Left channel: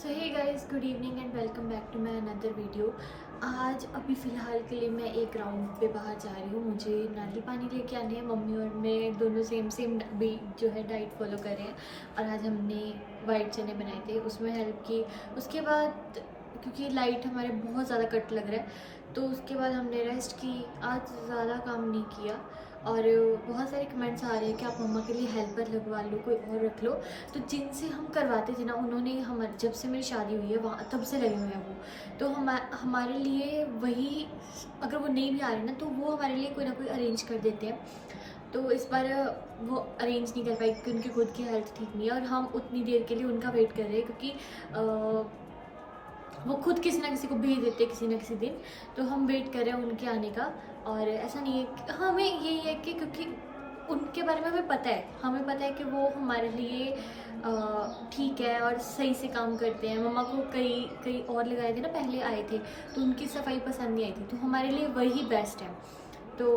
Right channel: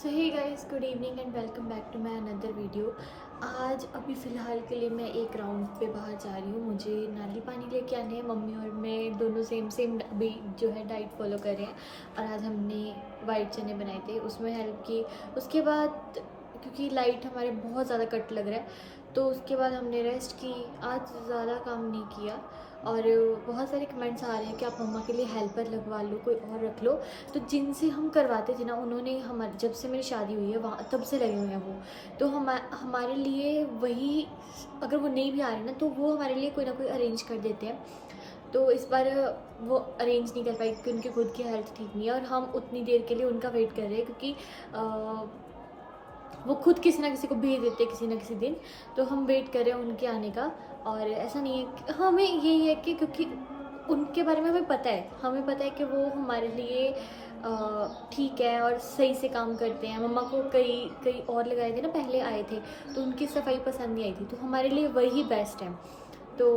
So hey guys, good evening and welcome back to my another video. आज अभी फ़िलहाल के लिए मैं एक राउंड पे बाहर जा रही हूँ। मुझे नारियल पानी लेके आने हैं। मम्मी और मैं दोनों सेम सेम भी जो है डाइट फॉलो कर रहे हैं। और आज हमने वाइट चने बनाए थे, उसमें हेल्प की। उसके बाद क्योंकि लाइट हमारे बहुत ज़्यादा कट लग रहा है तो उसके बाद हमने रेस्ट की। आज ज़्यादा काम नहीं किया। और बहुत सारे कमेंट्स आ रहे हैं कि आप मम्मा के लिए हेल्पर लगवा लो, कोई और रख लो। तो जिनसे हम करवाते थे ना, उन्होंने हमारे जब से मेरी शादी हुई है वहाँ तब से लगे हुए हैं वो। तो हमारे लिए वही, अगर वो नहीं भी आ रहे ना तो वो हमारे लिए कोई ना कोई अरेंज कर देते हैं। तो इस बार वो अरेंज नहीं कर पाई क्योंकि उनकी खुद की हेल्थ ठीक नहीं है और हम उतनी देर के लिए उनका वेट कर रहे हैं क्योंकि वो खुद किसी ना किसी को भेज देते हैं किसी ना किसी दिन। तो हम वेट कर रहे हैं उनके आने का। और ऐसा नहीं है, हमें यही है कि क्योंकि उनके बारे में हमें पता है कि वो हमारे लिए ठीक है और सही से काम करते हैं। मम्मा को कई कई और लगाए थे ना, पहले आए थे तो उनकी सफाई पसंद नहीं आई थी, तो हमारे लिए वही बेस्ट है। तो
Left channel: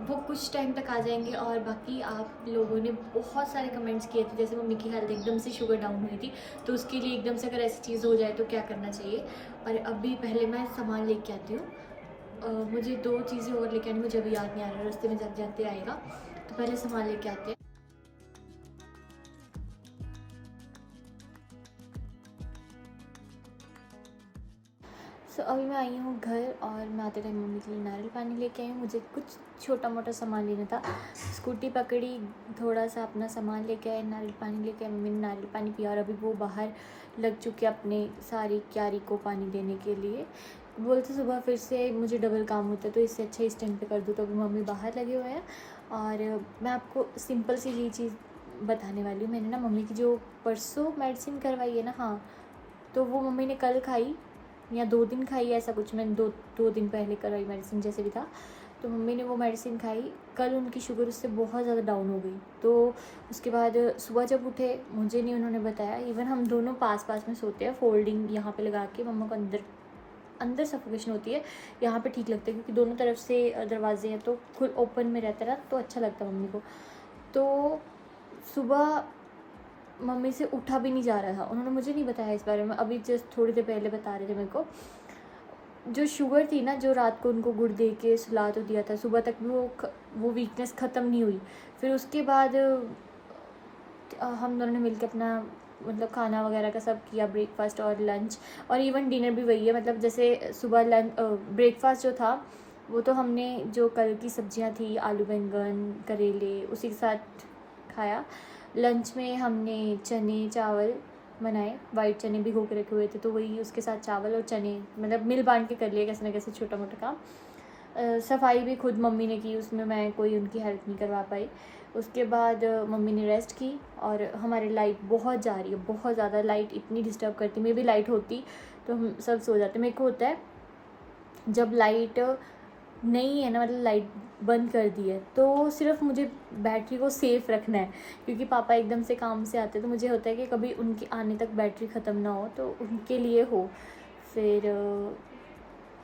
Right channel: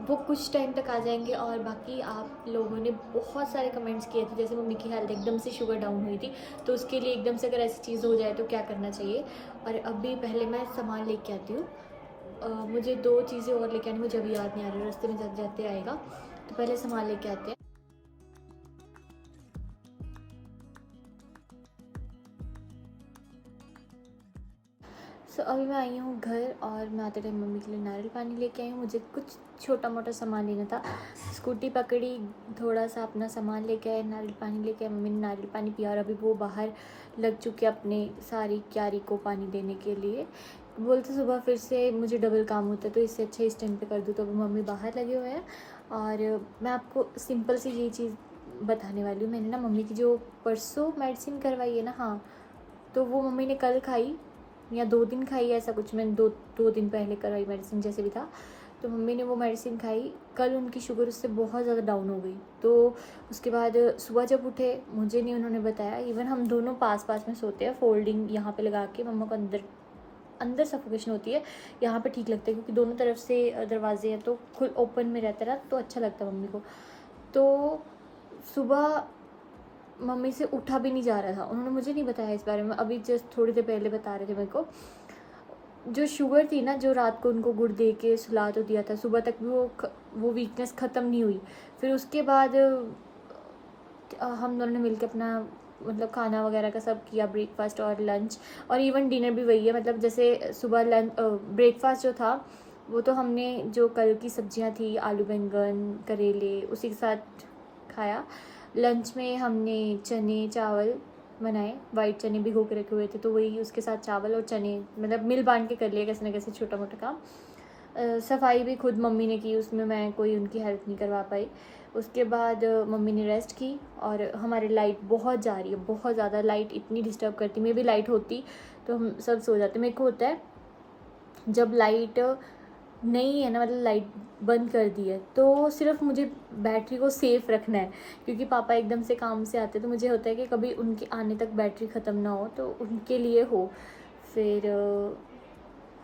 वो कुछ टाइम तक आ जाएंगे। और बाकी आप लोगों ने बहुत सारे कमेंट्स किए थे, जैसे मम्मी की हेल्थ एकदम से शुगर डाउन हुई थी तो उसके लिए एकदम से अगर ऐसी चीज़ हो जाए तो क्या करना चाहिए। और अभी पहले मैं सामान लेके आती हूँ। मुझे 2 चीज़ें और लेके आनी, मुझे अभी याद नहीं आ रहा, रास्ते में जाते जाते आएगा। तो पहले सामान लेके आते हैं। अभी मैं आई हूँ घर और मैं आते टाइम मम्मी के लिए नारियल पानी लेके आई हूँ। मुझे कुछ छोटा मोटा सामान लेना था, स्कूटी पकड़ी, थोड़ा सा अपना सामान लेके आए, नारियल पानी लेके आए। मम्मी ने नारियल पानी पिया और अभी वो बाहर लग चुके अपने सारी क्यारी को पानी देने के लिए। बोलते सुबह फिर से मुझे डबल काम होता है तो इससे अच्छा इस टाइम पे कर दूँ। तो अभी मम्मी बाहर लगे हुए हैं और मैं आपको सिंपल सी ये चीज़ बताने वाली हूँ। मैंने ना मम्मी की जो परसों मेडिसिन करवाई है ना, हाँ, तो वो मम्मी ने कल खाई या 2 दिन खाई, ऐसा कुछ। मैंने दो दिन पहले करवाई मेडिसिन, जैसे भी था। तो मम्मी ने वो मेडिसिन खाई, कल उनकी शुगर उससे बहुत ज़्यादा डाउन हो गई। तो उसके बाद सुबह जब उठे, मुझे नहीं उन्होंने बताया। इवन हम दोनों पास पास में सोते हैं, फोल्डिंग यहाँ पे लगा के। मम्मा को अंदर अंदर सफोकेशन होती है, यहाँ पे ठीक लगता है क्योंकि दोनों तरफ से दरवाजे हैं तो खुद ओपन में रहता है ना, तो अच्छा लगता है मम्मी को। तो सुबह मम्मी से उठा भी नहीं जा रहा था, उन्होंने मुझे नहीं बताया इस बारे में, अभी जस्ट थोड़ी देर पहले बता रहे थे मेरे को। जो शुगर थी ना, जो रात को उनको गुड़ दे के सुला तो दिया था, सुबह तक भी वो वीकनेस ख़त्म नहीं हुई। फिर उसके बाद हम दोनों ने मिलकर अपना मतलब खाना वगैरह का सब किया, ब्रेकफास्ट और लंच और इवन डिनर भी वही है। मतलब जैसे सुबह ब्रेकफास्ट जो था वो तो हमने जो कल की सब्जियां थी, आलू बैंगन करेले, उसी के साथ खाया। लंच में हमने चने चावल बनाए, वाइट चने भिगो के रखे हुए थे तो वही उसके साथ चावल और चने, मतलब मिल बांट के कर लिया कैसे ना कैसे छोटा मोटा काम। सफाई भी खुद मम्मी ने की, उसमें मैं कोई उनकी हेल्प नहीं करवा पाई। उसके बाद मम्मी ने रेस्ट की और हमारी लाइट बहुत जा रही है, बहुत ज़्यादा लाइट इतनी डिस्टर्ब करती। मे भी लाइट होती तो हम सब सो जाते। मेरे को होता है जब लाइट नहीं है ना, मतलब लाइट बंद कर दी है तो सिर्फ मुझे बैटरी को सेफ़ रखना है, क्योंकि पापा एकदम से काम से आते तो मुझे होता है कि कभी उनके आने तक बैटरी ख़त्म ना हो, तो उनके लिए हो। फिर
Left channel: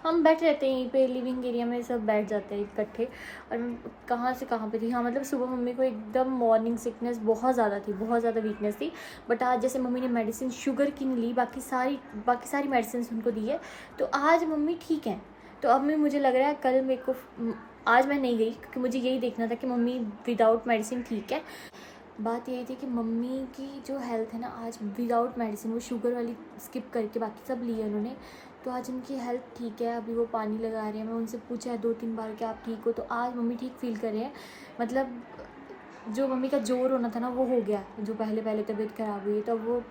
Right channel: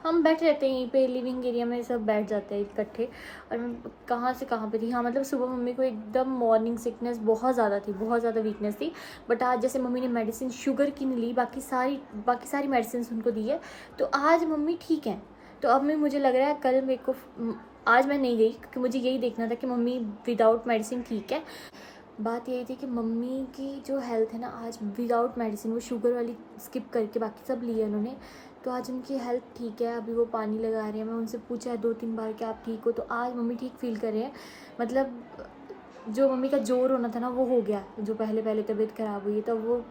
हम बैठे रहते हैं यहीं पे, लिविंग एरिया में सब बैठ जाते हैं इकट्ठे। और मैं कहाँ से कहाँ पे थी, हाँ, मतलब सुबह मम्मी को एकदम मॉर्निंग सिकनेस बहुत ज़्यादा थी, बहुत ज़्यादा वीकनेस थी। बट आज जैसे मम्मी ने मेडिसिन शुगर की नहीं ली, बाकी सारी मेडिसिन उनको दी है, तो आज मम्मी ठीक है। तो अब मैं, मुझे लग रहा है कल मेरे को, आज मैं नहीं गई क्योंकि मुझे यही देखना था कि मम्मी विदाउट मेडिसिन ठीक है। बात यही थी कि मम्मी की जो हेल्थ है ना, आज विदाउट मेडिसिन, वो शुगर वाली स्किप करके बाकी सब लिए उन्होंने, तो आज उनकी हेल्थ ठीक है। अभी वो पानी लगा रहे हैं, मैं उनसे पूछा है 2-3 बार कि आप ठीक हो, तो आज मम्मी ठीक फील कर रहे हैं। मतलब जो मम्मी का जोर होना था ना वो हो गया, जो पहले पहले तबीयत ख़राब हुई है, तो वो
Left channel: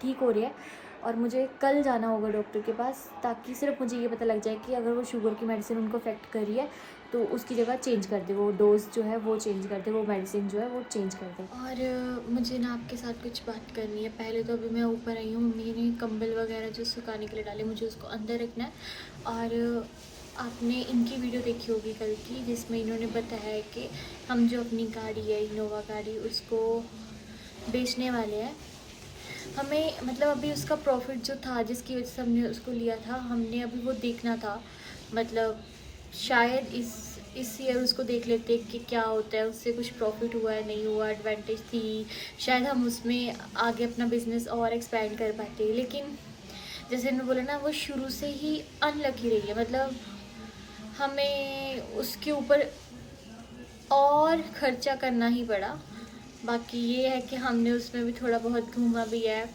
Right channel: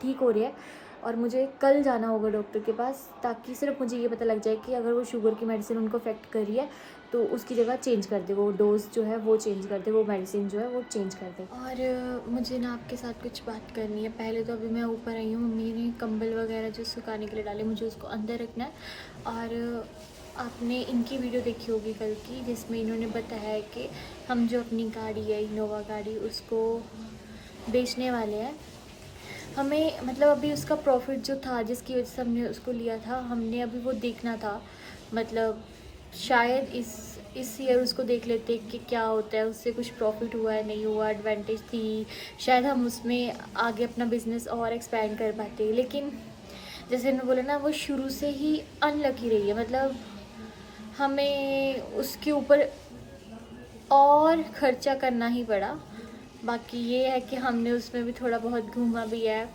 ठीक हो रही है। और मुझे कल जाना होगा डॉक्टर के पास, ताकि सिर्फ मुझे ये पता लग जाए कि अगर वो शुगर की मेडिसिन उनको अफेक्ट कर रही है तो उसकी जगह चेंज कर दे, वो डोज जो है वो चेंज कर दे, वो मेडिसिन जो है वो चेंज कर दे। और मुझे ना आपके साथ कुछ बात करनी है। पहले तो अभी मैं ऊपर आई हूँ, मम्मी ने कंबल वगैरह जो सुखाने के लिए डाले, मुझे उसको अंदर रखना है। और आपने इनकी वीडियो देखी होगी कल की, जिसमें इन्होंने बताया है कि हम जो अपनी गाड़ी है, इनोवा गाड़ी, उसको बेचने वाले हैं। हमें मतलब अभी उसका प्रॉफिट जो था, जिसकी वजह से हमने उसको लिया था, हमने अभी वो देखना था। मतलब शायद इस इस ईयर उसको देख लेते हैं कि क्या होता है, उससे कुछ प्रॉफिट हुआ है नहीं हुआ, एडवांटेज थी, शायद हम उसमें आगे अपना बिजनेस और एक्सपैंड कर पाते। लेकिन जैसे मैंने बोला ना, वो शुरू से ही अनलकी रही है, मतलब हमें उसके ऊपर और खर्चा करना ही पड़ा। बाकी ये है कि हमने उसमें भी थोड़ा बहुत घूमा भी है,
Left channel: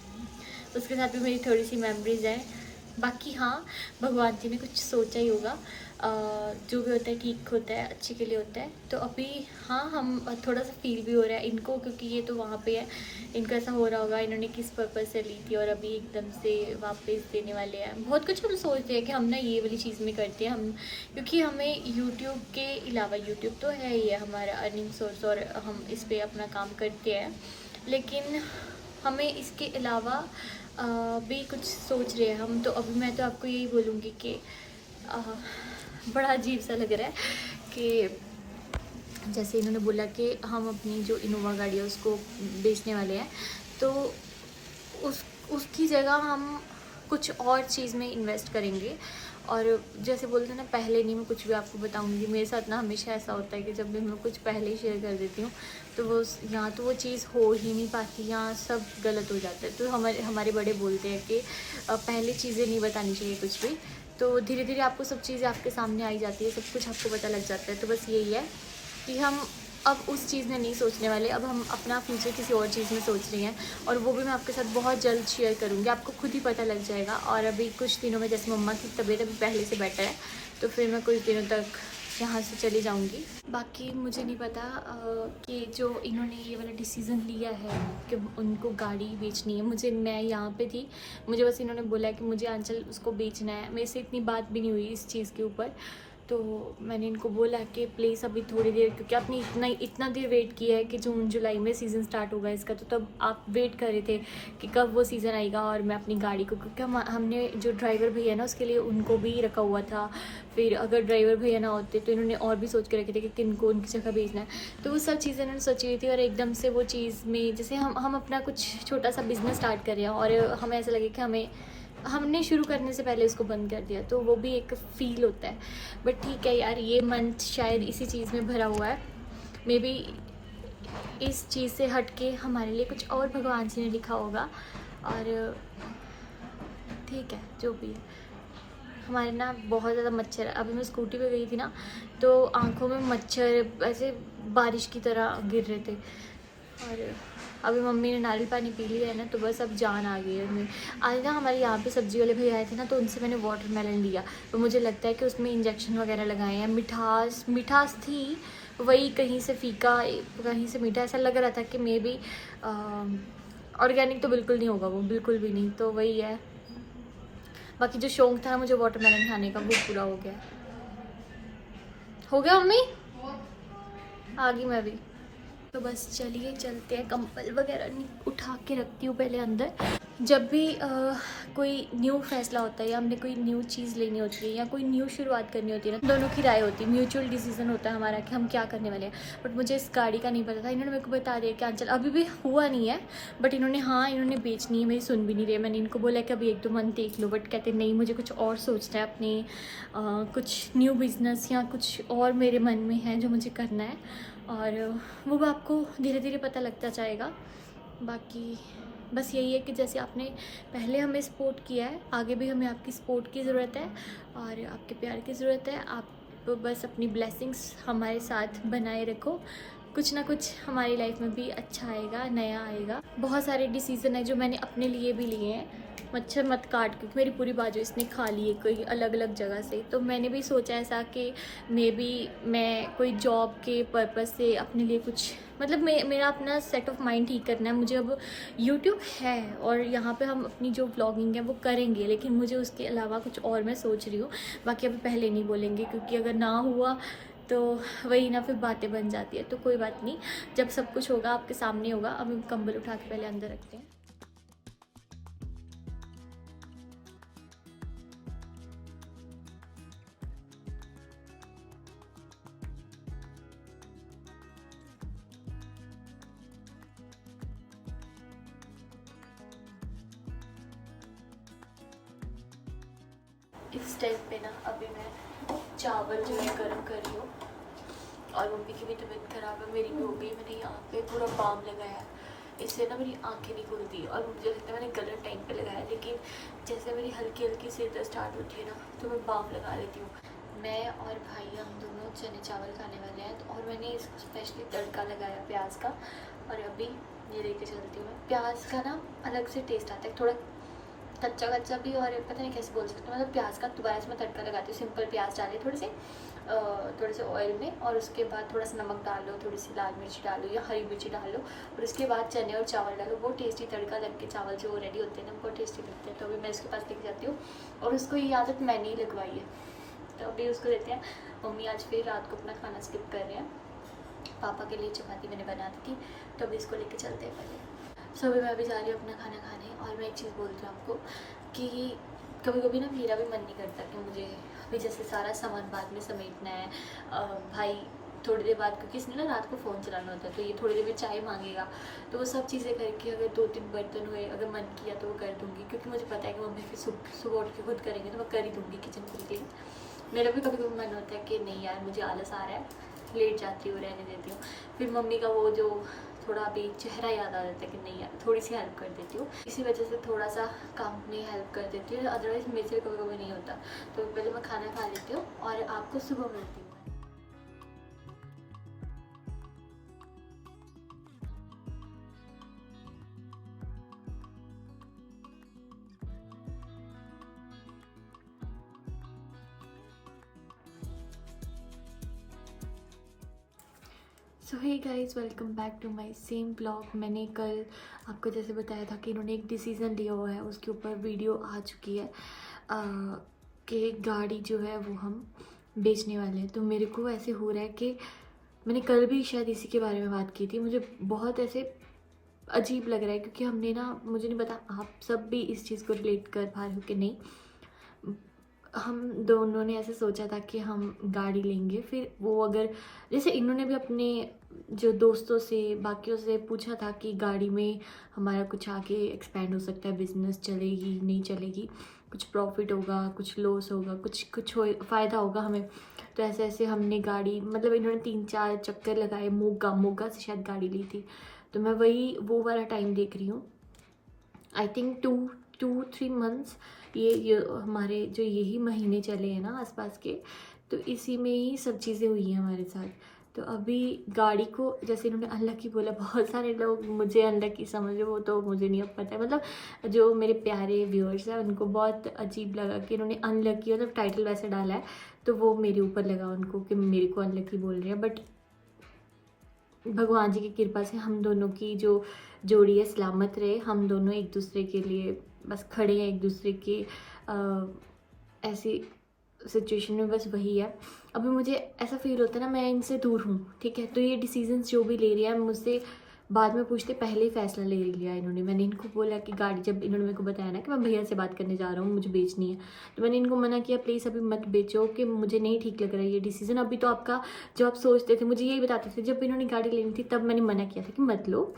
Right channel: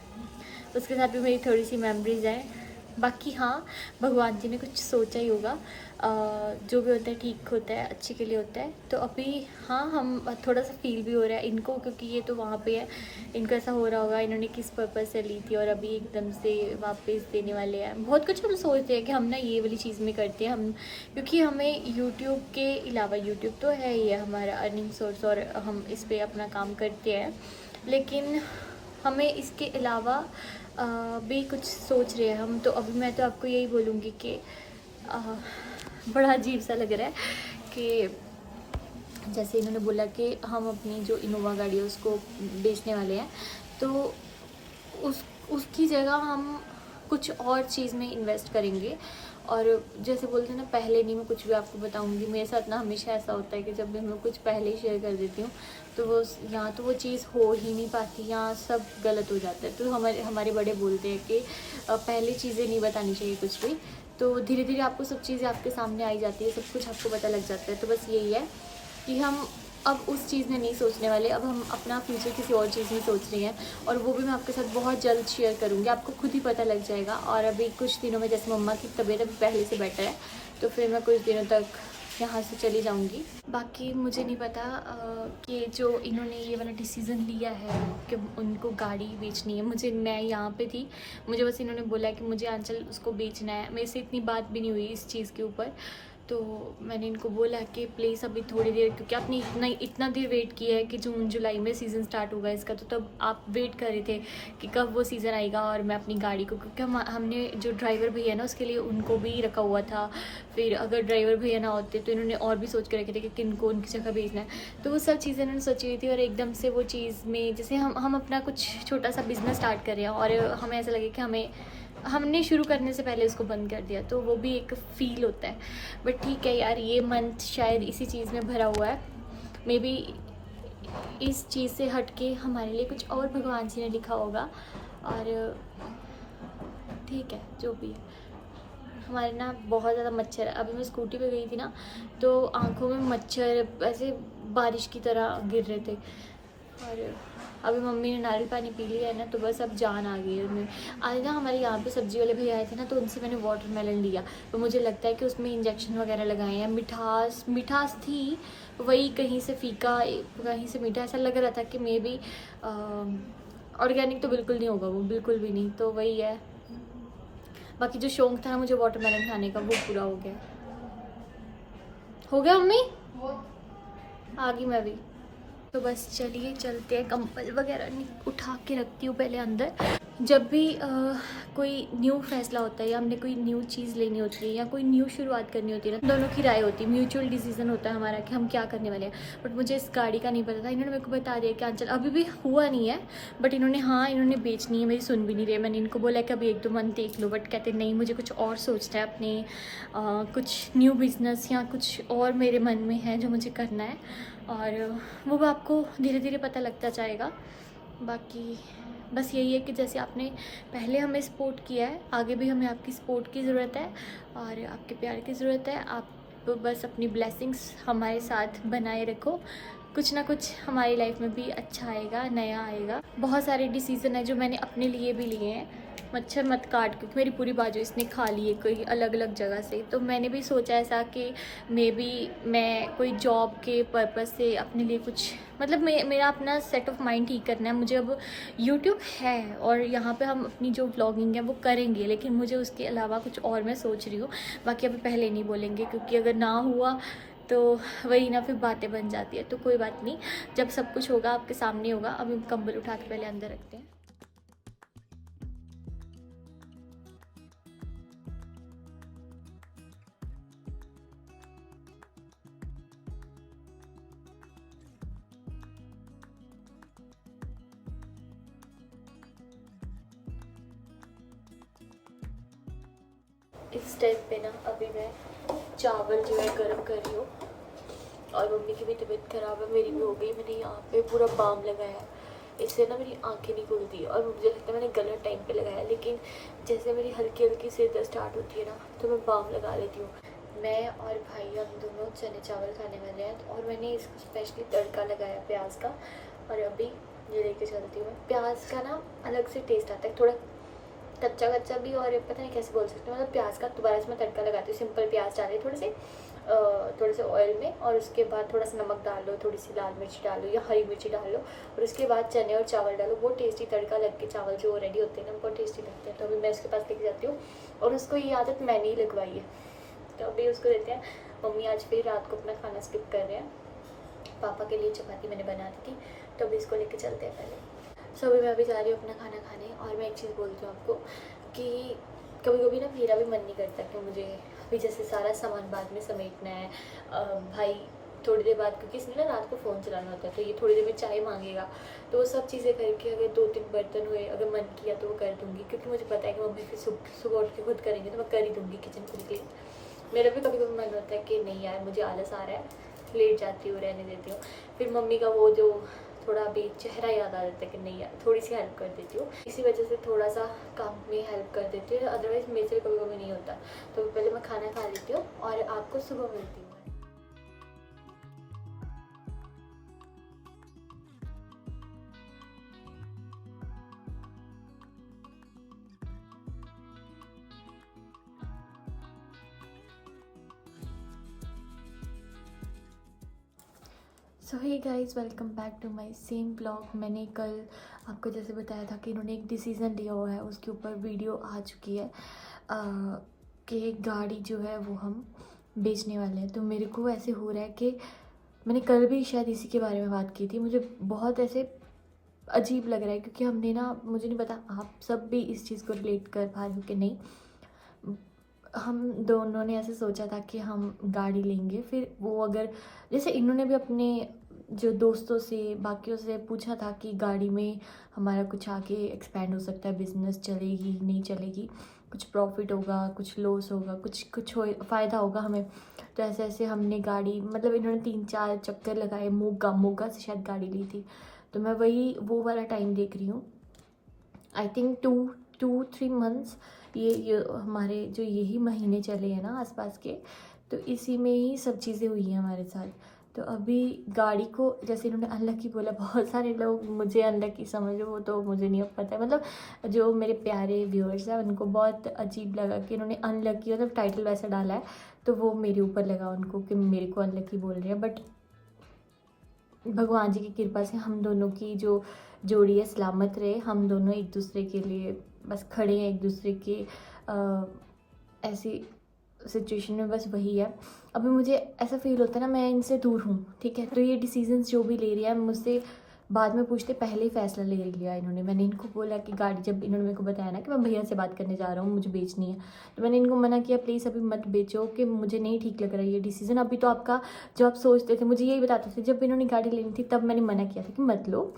उसके साथ भी मेरी थोड़ी सी मेमोरीज़ हैं। बाकी हाँ, भगवान जी ने कुछ सोचा ही होगा, जो भी होता है ठीक होता है, अच्छे के लिए होता है। तो अभी हाँ, हम थोड़ा सा फील भी हो रहा है इनको, क्योंकि ये तो वहाँ पे है, इनको ऐसा हो रहा होगा इन्होंने किस पर्पज़ से ली थी और अभी एकदम से वापस देने वाले हैं। बहुत कुछ हम सोचते हैं कि हम ना ये वाली चीज़ में करते हैं हम, क्योंकि हमें यूट्यूब के अलावा, यूट्यूब तो है ही है हमारा अर्निंग सोर्स और हम इस पर अपना काम करते हैं, लेकिन हमें इसके अलावा भी कुछ सोच रहे हैं हम। तो अभी मैं तो आपको यही बोलूँगी कि बड़ा अजीब सा लग रहा है कि जैसे इन्होंने बोला कि हम अपनी जो इनोवा गाड़ी है उसको बेचने वाले हैं, तो उसकी जगह हम कुछ और चीज़ में इन्वेस्ट करेंगे। और जैसे बोलते हैं ना, पहले नहीं मैं कुछ भी आपको बताऊंगी। मेरे साथ ना हमेशा ऐसा होता है कि जब भी मैं कुछ पहले ही शेयर कर देती हूँ तो वो यहाँ तो वो चीज़ हो ही नहीं पाती, यहाँ सब गलत हो जाता है। तो हमारे बड़े बोलते हैं कि पहले चीज़ें नहीं बतानी चाहिए कुछ भी, तो धीरे धीरे आपको सब चीज़ें आपके सामने आई जाती है, सब कुछ आपको पता लग जाता है। तो बस यही है कि हम अब उस चीज़ में नहीं सोचने वाले, अब हम अपना फ्यूचर किसी और चीज़ में सोच रहे हैं, और वो भी मैं आपके साथ बहुत जल्द शेयर करूँगी, आपको खुद ही पता लग जाएगा। और अभी कुछ दिनों में, जैसे मम्मा की तबीयत अभी पहले से बेटर है, तो फिर मैं कुछ दिनों तक यहाँ से चली जाऊँगी। बाकी मुझे नहीं पता कि जो इन्होंने ये वाला डिसीज़न लिया है कि उनको गाड़ी बेचनी है, मैं यहाँ पे थी, मुझे बस इन्होंने बोला कि मुझे आंचल उसको बेचना है, मेरे से इतनी बात भी नहीं हुई इस चीज़ के ऊपर। तो मैंने इनको बोला कि प्लीज़ अभी थोड़ी देर, क्योंकि आपने इतना देर वेट किया है कि जून जुलाई में सीज़न स्टार्ट होगा इसका, तो तब आप वेट कर रहे थे कि कब वो सीज़न आएगा और मैं अपनी गाड़ी को, क्योंकि हमने जो ड्राइवर भैया ना उसके लिए उनको भी रखा हुआ था। फिर अगर ड्राइवर भैया ना होते तो इन्होंने और भी सोच के रखे थे कि किन को उनकी जगह भेजना है। तो वो सब चीज़ें इन्होंने सोची हुई थी, और एकदम से वो चीज़ में, जैसे हम अपना कुछ छोटा सा बिज़नेस स्टार्ट कर रहे हैं और हमें ऐसा लगे कि हमने शुरू करने से पहले उसको बंद कर दिया, तो वो भी एक फ़ील होता है। बट ठीक है यार, ये मंथ शायद इसी चीज़ में भरा हुआ है। मे बी इस चीज़ से हट के हमारे लिए कुछ और भगवान जी ने लिखा होगा, और ठीक है जो भी है। हमारे ना बहुत ज़्यादा मच्छर है, अभी मैं स्कूटी पे गई थी ना, तो आंखों में मच्छर ऐसे बारिश की तरह गिर रहे थे। और अभी मम्मी ने नारियल पानी पी लिया है ना, तो बस अब जान आ गई है उनमें। आज ना हमारे यहाँ पे सब्जी वाले भैया आए थे ना, तो उनसे मैंने वाटरमेलन लिया, तो मुझे लगता है कि उसमें इंजेक्शन वगैरह लगाए हैं। मिठास थी वही, कहीं से फीका कहीं से मीठा, ऐसा लग रहा था कि मे बी ऑर्गेनिक तो बिल्कुल नहीं होगा वो, बिल्कुल भी नहीं। तो वही है, बाकी जो शौक था मुझे वाटरमेलन खाने का, वो पूरा हो गया। हो गया मम्मी, आ गई मैं भी। तो बस चलिए चलते हैं, कंबल वगैरह उठा के रखती हूँ पहले अंदर। जब भी कोई न्यू फैसला होता है या हमने कोई न्यू चीज़ लेनी होती है या कोई न्यू शुरुआत करनी होती है ना, दोनों की राय होती है, म्यूचुअल डिसीजन होता है हमारा कि हम क्या करने वाले हैं। बट मुझे इस गाड़ी का नहीं पता था, इन्होंने मेरे को बता दिया कि आंचल अभी भी हुआ नहीं है, बट इन्होंने बेचनी है, मेरी सुन भी नहीं रही। मैंने इनको बोला कि अभी 1-2 मंथ देख लो, बट कहते नहीं, मुझे कुछ और सोचना है, अपने कुछ न्यू बिजनेस या कुछ और मेरे मन में है जो मुझे करना है, और वो आपको धीरे धीरे पता लगता जाएगा। बाकी बस यही है कि जैसे आपने पहले हमें सपोर्ट किया है, आगे भी हमें आपकी सपोर्ट की ज़रूरत है और आपके प्यार की ज़रूरत है। आप बस अपनी ब्लेसिंग्स हमारे साथ बनाए रखो, कुछ ना कुछ हमारी लाइफ में भी अच्छा आएगा, नया आएगा। बहुत सारे डिसीज़न है जो मैंने अपने लिए भी लिए हैं। मच्छर मत काट, क्योंकि मेरी पूरी बाजू इसने खा ली है कोई अलग अलग जगह से। तो मैंने भी सोचा ऐसा कि मे बी मैं कोई जॉब के पर्पज़ से अपने लिए कुछ, मतलब मेरा अपना सेट ऑफ माइंड ठीक करना है। मुझे अब यूट्यूब है और यहाँ पे हम अपनी जो व्लॉगिंग है वो करेंगे, लेकिन मुझे उसके अलावा कुछ और मैं सोच रही हूँ। बाकी अभी पहले नहीं बोलेंगे, क्योंकि अगर ना हुआ तो वही ना, फिर बातें बन जाती है। तो कोई बात नहीं, जब सब कुछ होगा आपके सामने होगा। अभी कंबल उठा के पहले अंदर रखते हैं। इस टाइम पे ना अभी मैं चावल जो है गर्म कर रही हूँ, और मम्मी की भी तबीयत ख़राब है, मेरी भी हो गई। मैंने यहाँ पे पूरा बाम लगाया है, इससे ना मेरी आंखें नहीं खुलती और मुझे लगता है मैंने गलत टाइम पे लगाया, लेकिन जैसे मेरी हल्की हल्की सिर दर्द स्टार्ट होती है ना तो मैं बाम लगा लेती हूँ। मैं और भाई हम दोनों चने चावल खाने वाले हैं और मैंने इसको स्पेशली तड़का लगाया प्याज का, और अभी ये लेके चलती हूँ। प्याज का ना अलग से टेस्ट आता है, थोड़ा कच्चा कच्चा भी, और पता नहीं कैसे बोल सकती हूँ, मतलब प्याज का दोबारा इसमें तड़का लगाती हूँ। सिंपल प्याज डाले थोड़े से ऑयल में, और उसके बाद थोड़ा सा नमक डाल लो, थोड़ी सी लाल मिर्ची डालो या हरी मिर्ची डाल लो, और उसके बाद चने और चावल डालो। वो टेस्टी तड़का लग के चावल जो रेडी होते हैं ना बहुत टेस्टी लगते हैं। तो अभी मैं इसके पास लेके जाती हूँ, और उसको ये आदत मैंने ही लगवाई है, तो अभी उसको देते हैं। मम्मी आज फिर रात को अपना खाना स्किप कर रहे हैं। पापा के लिए चपाती मैंने बना दी थी, तो अभी इसको लेके चलते हैं पहले। सो अभी मैं अभी जा रही हूँ अपना खाना खाने। और मैं एक चीज़ बोलती हूँ आपको कि कभी कभी ना मेरा भी मन नहीं करता कि मुझे अभी जैसे सारा सामान बाद में समेटना है। भाई थोड़ी देर बाद, क्योंकि इसने ना रात को फ़ोन चलाना होता है, तो ये थोड़ी देर में चाय मांगेगा, तो वो सब चीज़ें करके अगर 2-3 बर्तन हुए, अगर मन किया तो वो कर दूँगी, क्योंकि मुझे पता है कि मम्मी फिर सुबह उठ के खुद करेंगे, तो मैं कर ही दूँगी किचन खुद क्लीन। मेरा भी कभी कभी मन होता है कि नहीं यार मुझे आलस आ रहा है, लेट जाती हूँ, रहने देती हूँ। फिर मम्मी का वो जो थोड़ा अभी चेहरा याद आ जाता है कि नहीं यार थोड़ी सी हेल्प कर देती हूँ, इसी वजह से थोड़ा सा काम में हेल्प कर देती हूँ, अदरवाइज़ मेरे से कभी कभी नहीं होता। तो पहले मैं खाना खा लेती हूँ और आपको सुबह मिलती हूँ। So hey guys, welcome back to my same blog. मैंने कल आपको जैसे बताया था कि इन्होंने एक डिसीज़न लिया हुआ है, उसके ऊपर वीडियो आ चुकी है कि गाड़ी जो है वो हम बेचने वाले हैं। तो मेरे को ऐसे हो रहा है कि मैंने कल भी शायद इसी के बारे में बात की थी, मुझे बहुत ऐसे अजीब लग रहा है, क्योंकि हमने ना, मुझे नहीं पता आप सब भी इस चीज़ को रिलेट कर पा रहे हो कि नहीं। हम दोनों ने ऐसे सोचा था कि हम गाड़ी लेंगे, फिर वो अगर जैसे इन्होंने भी अपने जो दोस्तों से बाकियों से पूछा था कि गाड़ी में हमारा कुछ आगे एक्सपेंड हो सकता है, बिजनेस चलेगी नहीं चलेगी, कुछ प्रॉफिट होगा, कुछ लॉस होगा, कुछ हो फ़ायदा होगा हमें। तो ऐसे ऐसे हमने गाड़ी, मतलब इन्होंने 3-4 चक्कर लगाए, मोगा से शायद गाड़ी ली थी। तो मैं वही वो वाला टाइम देख रही हूँ, आई थिंक 2-3 मंथ्स, ये हमारे जो यही महीने चले हैं ना आसपास के, तो इसी में ही सब चीज़ें हुई हैं हमारे साथ। तो अभी गाड़ी को जैसे इन्होंने अनलकी बोला, बहुत सारे लोग मुझे अनलकी समझे, वो तो मुझे नहीं अब पता है, मतलब जो मेरे प्यारे व्यूअर्स हैं उनको बहुत अजीब लगा कि इन्होंने अनलकी, मतलब टाइटल वैसे डाला है तो वो मेरे ऊपर लगा उनको कि मेरे को अनलकी बोल रहे हैं। बट भगवान जी की कृपा से हम दोनों की जो जोड़ी है सलामत रहे, हम दोनों एक दूसरे के लिए बस खड़े हैं, एक दूसरे के ऐसी सिचुएशन में बस वही है। अभी मुझे ऐसा फील होता है ना मैं इनसे दूर हूँ, ठीक है, तो ये डिसीजंस जो भी ले रही है मुझसे बाद में पूछते पहले ही फैसला ले लिया इन्होंने। मैंने इनको बोला कि गाड़ी, जब इन्होंने मेरे को बताया ना कि मैं भैया से बात करने जा रहा हूँ, मुझे बेचनी है, तो मैंने इनको मना किया प्लीज़ अभी मत बेचो, कि मुझे नहीं ठीक लग रहा है ये डिसीज़न। अभी तो आपका जो आप सोचते थे मुझे यही बताते थे, जब इन्होंने गाड़ी लेनी थी तब मैंने मना किया था कि मत लो,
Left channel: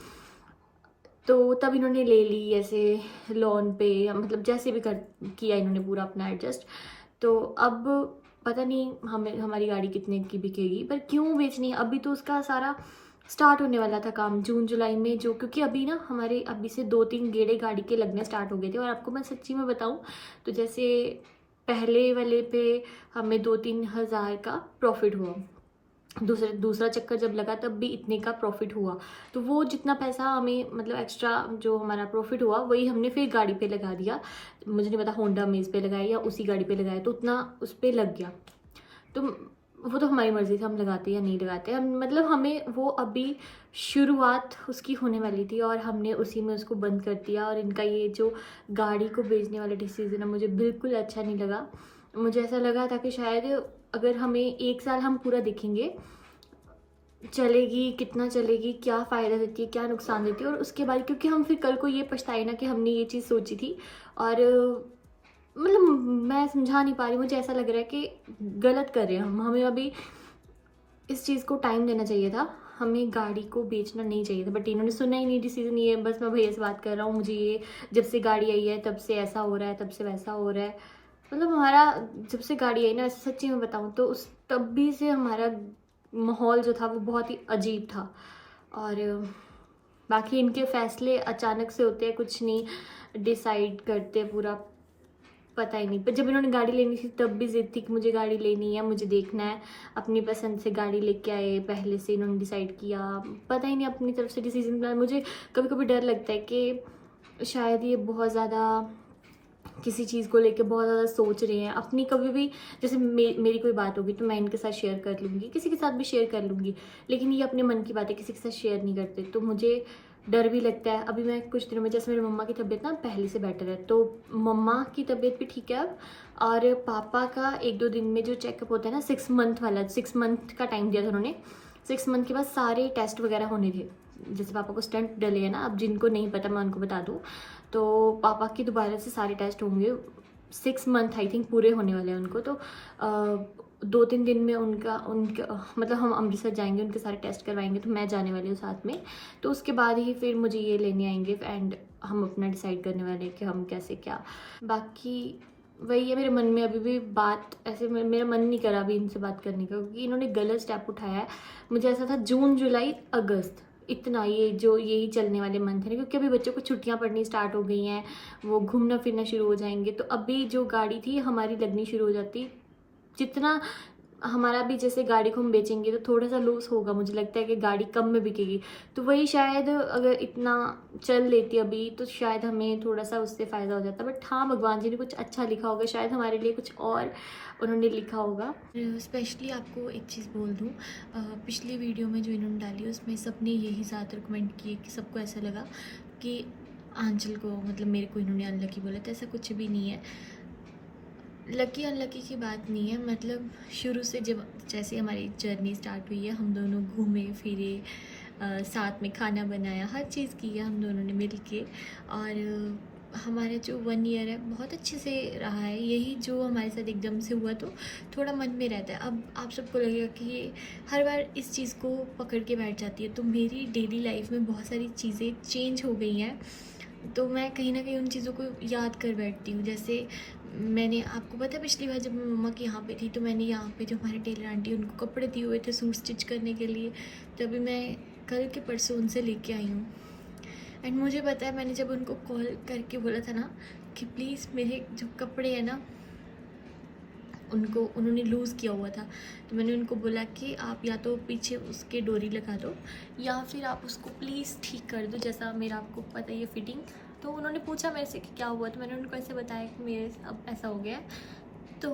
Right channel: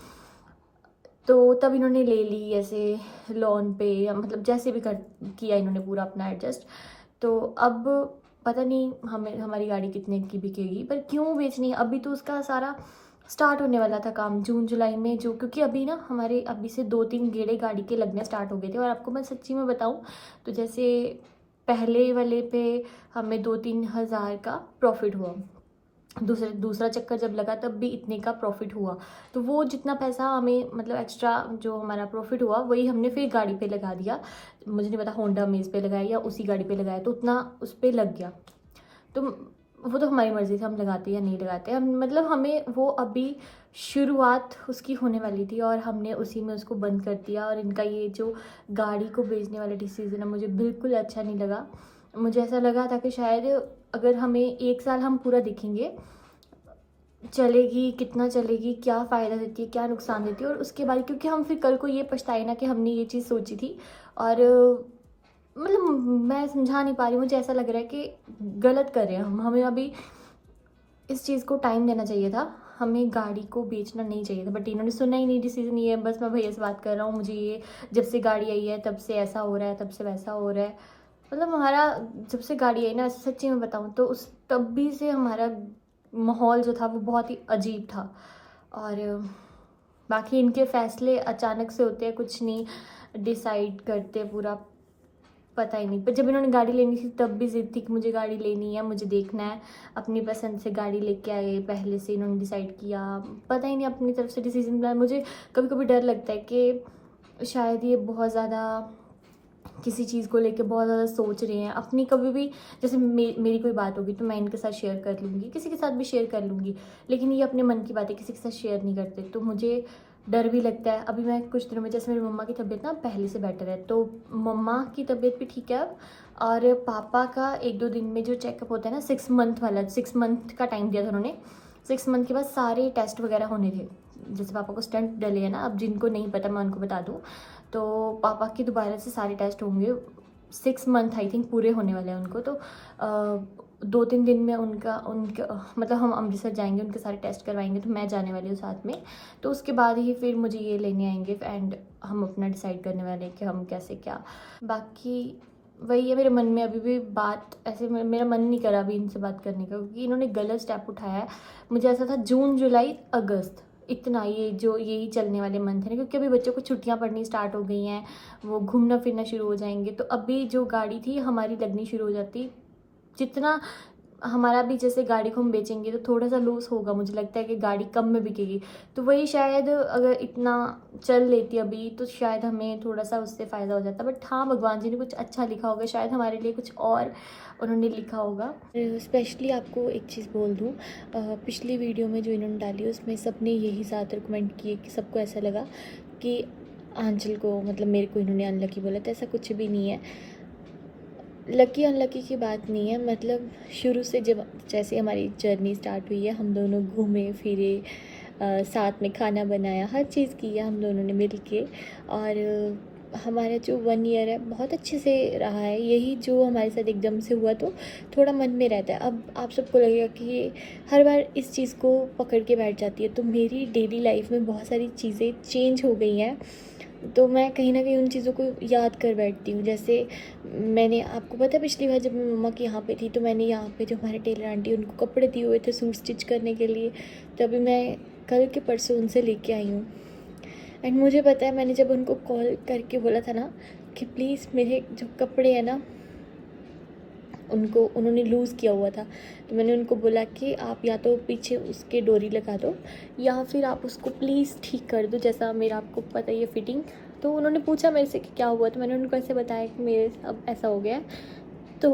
तो तब इन्होंने ले ली ऐसे लोन पे, मतलब जैसे भी कर किया इन्होंने पूरा अपना एडजस्ट। तो अब पता नहीं हमें हमारी गाड़ी कितने की बिकेगी, पर क्यों बेचनी है, अभी तो उसका सारा स्टार्ट होने वाला था काम जून जुलाई में, जो क्योंकि अभी ना हमारे अभी से 2-3 गेड़े गाड़ी के लगने स्टार्ट हो गए थे। और आपको मैं सच्ची में बताऊं तो जैसे पहले वाले पे हमें 2-3 हज़ार का प्रॉफिट हुआ, दूसरा चक्कर जब लगा तब भी इतने का प्रॉफिट हुआ। तो वो जितना पैसा हमें, मतलब एक्स्ट्रा जो हमारा प्रॉफिट हुआ वही हमने फिर गाड़ी पे लगा दिया। मुझे नहीं पता होंडा अमेज पे लगाया या उसी गाड़ी पे लगाया, तो उतना उस पर लग गया। तो वो तो हमारी मर्ज़ी से हम लगाते या नहीं लगाते, हम मतलब हमें वो अभी शुरुआत उसकी होने वाली थी और हमने उसी में उसको बंद कर दिया। और इनका ये जो गाड़ी को बेचने वाला डिसीज़न है मुझे बिल्कुल अच्छा नहीं लगा। मुझे ऐसा लगा था कि शायद अगर हमें 1 साल हम पूरा देखेंगे चलेगी, कितना चलेगी, क्या फ़ायदा देती है, क्या नुकसान देती है, और उसके बाद क्योंकि हम फिर कल को ये पछताए ना कि हमने ये चीज़ सोची थी। और मतलब मैं समझा नहीं पा रही, मुझे ऐसा लग रहा है कि गलत कर रहे हैं हम, हमें अभी इस चीज़ को टाइम देना चाहिए था, हमें गाड़ी को बेचना नहीं चाहिए था। बट इन्होंने सुना ही नहीं डिसीज़न, ये बस मैं भैया से बात कर रहा हूँ, मुझे ये जब से गाड़ी आई है तब से ऐसा हो रहा है, तब से वैसा हो रहा है। मतलब हमारा जब से गाड़ी आई ना, सच्ची में बताऊँ तो उस तब भी से हमारा माहौल जो था वो बहुत ही अजीब था। और बाकी इनके फ़ैसले अचानक से होते हैं, कुछ नहीं डिसाइड करते, पूरा पता ही नहीं। पर जब इन्होंने गाड़ी लेनी थी तब भी ज़िद थी कि मुझे गाड़ी लेनी है, मुझे देखना है। अपनी पसंद से गाड़ी लेके आए, पहले से इन्होंने डिसाइड किया, पता ही नहीं अपनी तरफ से डिसीजन प्लान। मुझे कभी कभी डर लगता है कि शायद ये बहुत ज़्यादा किसी चीज़ को लेके बहुत ज़्यादा सोच रहे हैं अपनी। कभी भी जैसे मेरी कोई बात होगी तो मैं इनके साथ शेयर कर लूँगी, किसी के साथ भी शेयर कर लूँगी, लेकिन ये अपने मन की बातें किसी के साथ शेयर नहीं करते, तो मुझे डर भी लगता है। अभी मैं कुछ दिनों में, जैसे मेरी मम्मा की तबीयत ना पहले से बेटर है, तो मम्मा की तबीयत भी ठीक है अब। और पापा का 1-2 दिन में जो चेकअप होता है ना, 6 मंथ वाला, 6 मंथ का टाइम दिया था उन्होंने। 6 मंथ के बाद सारे टेस्ट वगैरह होने थे। जैसे पापा को स्टंट डले है ना, अब जिनको नहीं पता मैं उनको बता दूँ, तो पापा की दोबारा से सारे टेस्ट होंगे। 6 मंथ आई थिंक पूरे होने वाले हैं उनको। तो 2-3 दिन में उनका मतलब हम अमृतसर जाएंगे, उनके सारे टेस्ट करवाएंगे, तो मैं जाने वाली हूँ साथ में। तो उसके बाद ही फिर मुझे ये लेने आएंगे एंड हम अपना डिसाइड करने वाले हैं कि हम कैसे क्या। बाकी वही है, मेरे मन में अभी भी बात ऐसे, मेरा मन नहीं करा अभी इनसे बात करने का, क्योंकि इन्होंने गलत स्टेप उठाया है। मुझे ऐसा था जून जुलाई अगस्त, इतना ये जो यही चलने वाले मंथ है ना, क्योंकि अभी बच्चों को छुट्टियां पड़नी स्टार्ट हो गई हैं, वो घूमना फिरना शुरू हो जाएंगे। तो अभी जो गाड़ी थी हमारी लगनी शुरू हो जाती, जितना हमारा भी जैसे गाड़ी को हम बेचेंगे तो थोड़ा सा लॉस होगा, मुझे लगता है कि गाड़ी कम में बिकेगी। तो वही शायद अगर इतना चल लेती अभी तो शायद हमें थोड़ा सा उससे फ़ायदा हो जाता। बट हाँ, भगवान जी ने कुछ अच्छा लिखा होगा, शायद हमारे लिए कुछ और उन्होंने लिखा होगा। स्पेशली आपको एक चीज़ बोल दूँ, पिछली वीडियो में जो इन्होंने डाली उसमें सबने यही ज़्यादातर कमेंट किए कि सबको ऐसा लगा कि आंचल को, मतलब मेरे को इन्होंने अनलकी बोला, तो ऐसा कुछ भी नहीं है। लकी अनलकी की बात नहीं है, मतलब शुरू से जब जैसे हमारी जर्नी स्टार्ट हुई है, हम दोनों घूमे फिरे, साथ में खाना बनाया, हर चीज़ की है हम दोनों ने मिल के। और हमारा जो 1 ईयर है बहुत अच्छे से रहा है। यही जो हमारे साथ एकदम से हुआ तो थोड़ा मन में रहता है। अब आप सबको लगेगा कि हर बार इस चीज़ को पकड़ के बैठ जाती है, तो मेरी डेली लाइफ में बहुत सारी चीज़ें चेंज हो गई हैं, तो मैं कहीं ना कहीं उन चीज़ों को याद कर बैठती हूँ। जैसे मैंने आपको पता है पिछली बार जब मैं मम्मा के यहाँ पे थी, तो मैंने यहाँ पे जो हमारे टेलर आंटी उनको कपड़े दिए हुए थे सूट स्टिच करने के लिए, तो अभी मैं कल के परसों उनसे लेके आई हूँ। एंड मुझे पता है, मैंने जब उनको कॉल करके बोला था ना कि प्लीज़ मेरे जो कपड़े हैं ना, उन्होंने लूज़ किया हुआ था, तो मैंने उनको बोला कि आप या तो पीछे उसके डोरी लगा दो या फिर आप उसको प्लीज़ ठीक कर दो, जैसा मेरा आपको पता ही है फिटिंग। तो उन्होंने पूछा मेरे से कि क्या हुआ, तो मैंने उनको ऐसे बताया कि मेरे अब ऐसा हो गया है। तो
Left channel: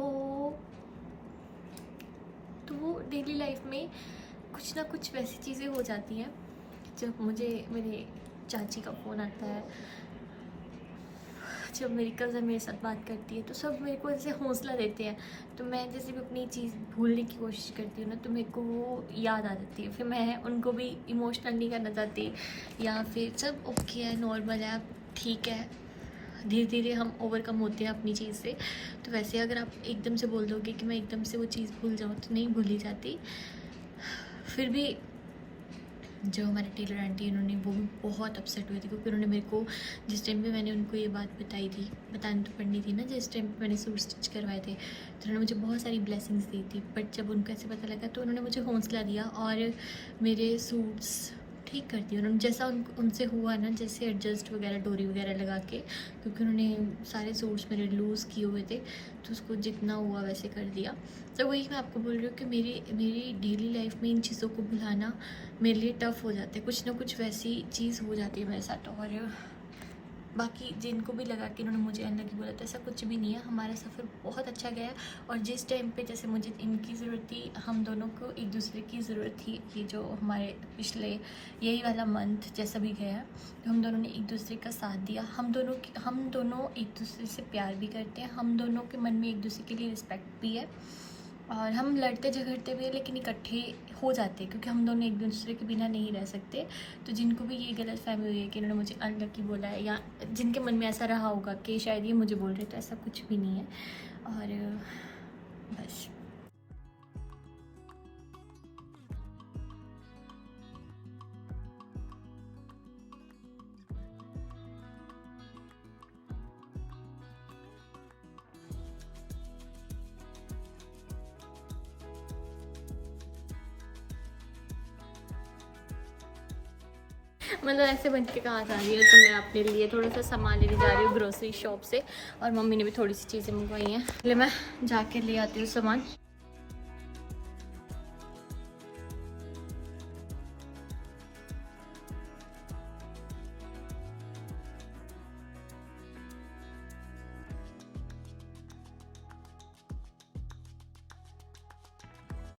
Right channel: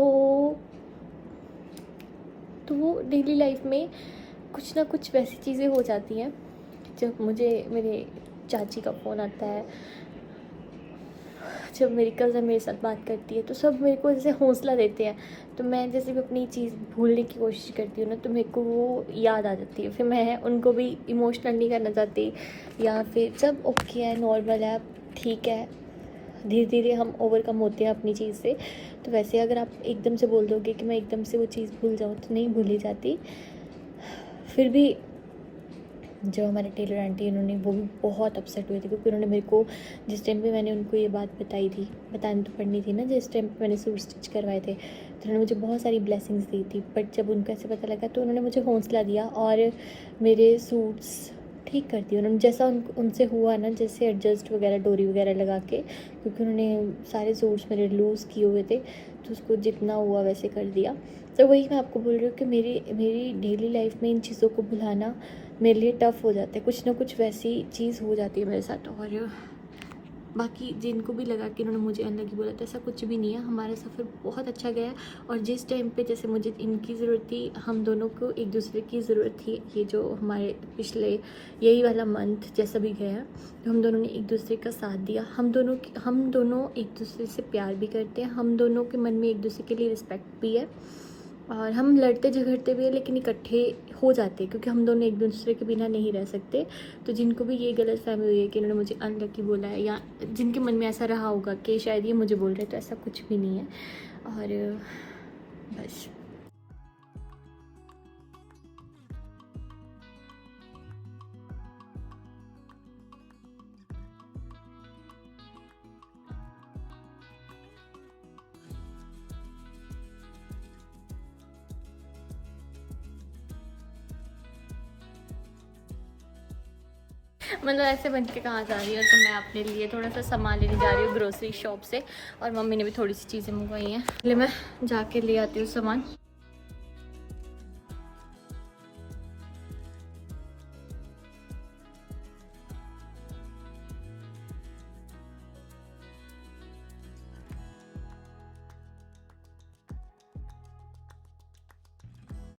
वो डेली लाइफ में कुछ ना कुछ वैसी चीज़ें हो जाती हैं। जब मुझे मेरे चाची का फ़ोन आता है, जब मेरी कज़न मेरे साथ बात करती है, तो सब मेरे को जैसे हौसला देते हैं। तो मैं जैसे भी अपनी चीज़ भूलने की कोशिश करती हूँ ना, तो मेरे को वो याद आ जाती है। फिर मैं उनको भी इमोशनल नहीं करना चाहती, या फिर सब ओके है, नॉर्मल है, ठीक है, धीरे धीरे हम ओवरकम होते हैं अपनी चीज़ से। तो वैसे अगर आप एकदम से बोल दोगे कि मैं एकदम से वो चीज़ भूल जाऊँ, तो नहीं भूली जाती। फिर भी जो हमारे टेलर आंटी उन्होंने, वो भी बहुत अपसेट हुए थे, क्योंकि उन्होंने मेरे को जिस टाइम पे मैंने उनको ये बात बताई थी, बतानी तो पड़नी थी ना, जिस टाइम पे मैंने सूट स्टिच करवाए थे, तो उन्होंने मुझे बहुत सारी ब्लेसिंग्स दी थी। बट जब उनको ऐसे पता लगा तो उन्होंने मुझे हौसला दिया और मेरे सूट्स ठीक कर दिए उन्होंने, जैसा उनसे हुआ ना, जैसे एडजस्ट वगैरह डोरी वगैरह लगा के, क्योंकि उन्होंने सारे सूट्स मेरे लूज़ किए हुए थे, तो उसको जितना हुआ वैसे कर दिया। तो वही मैं आपको बोल रही हूँ कि मेरी डेली लाइफ में इन चीज़ों को भुलाना मेरे लिए टफ़ हो जाता है। कुछ ना कुछ वैसी चीज़ हो जाती है मेरे साथ। और बाकी जिनको भी लगा कि उन्होंने मुझे अनलकी बोला, तो ऐसा कुछ भी नहीं है। हमारा सफ़र बहुत अच्छा गया, और जिस टाइम पे जैसे मुझे इनकी ज़रूरत थी, हम दोनों को एक दूसरे की ज़रूरत थी। ये जो हमारे पिछले यही वाला मंथ जैसा भी गया है, तो हम दोनों ने एक दूसरे का साथ दिया। हम दोनों एक दूसरे से प्यार भी करते हैं, हम दोनों के मन में एक दूसरे के लिए रिस्पेक्ट भी है, और हम लड़ते झगड़ते भी हैं, लेकिन इकट्ठे हो जाते हैं, क्योंकि हम दोनों एक दूसरे के बिना नहीं रह सकते। तो जिनको भी ये गलत फहमी हुई है कि इन्होंने मुझे अनलकी बोला है, या जिनके मन में ऐसा रहा होगा कि शायद ये मुझे बोल रहे, तो ऐसा कुछ भी नहीं है। और बस। मतलब ऐसे बन के कहाँ जा रही हो। तो मैं अपने लिए थोड़ा सा सामान लेने जा रही हूँ ग्रोसरी शॉप से, और मम्मी ने भी थोड़ी सी चीज़ें मंगवाई हैं। पहले मैं जाके ले आती हूँ सामान।